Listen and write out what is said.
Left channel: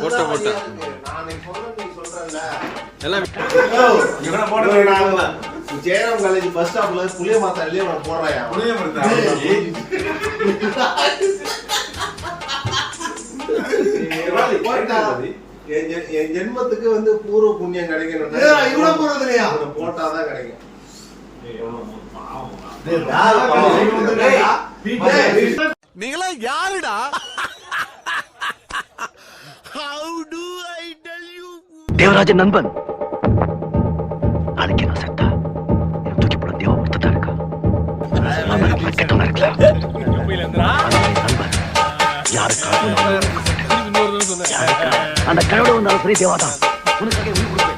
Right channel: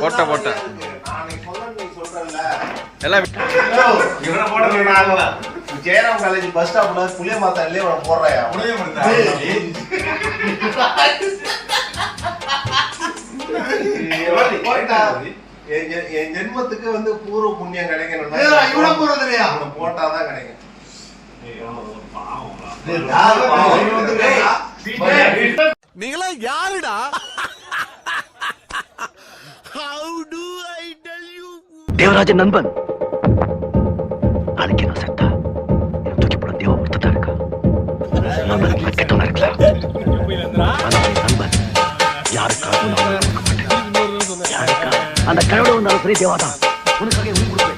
போட்ட எல்லாம் Jayaram college bus ஸ்டாப்ல புளிய மாத்தாலே போடுறாயா என் ஜென்மத்துக்கு வந்து பூர்வ புண்ணியம் கிடைக்கணும்னா போட்டாதான் கிடைக்கும். நீங்களா யாருடா? தேவராஜன் நண்பன் நாளைக்கு நான் செத்தா எனக்கு தூக்கி போட தேவ ஒருத்தா இருக்கா. கெட்டவனா இருக்கலாம், ஆனா என் நண்பன் யாருக்காக அந்த கடவுளை வந்தாலும் சரி தேவாதான் உனக்காக உயிர் கொடுப்பேன்.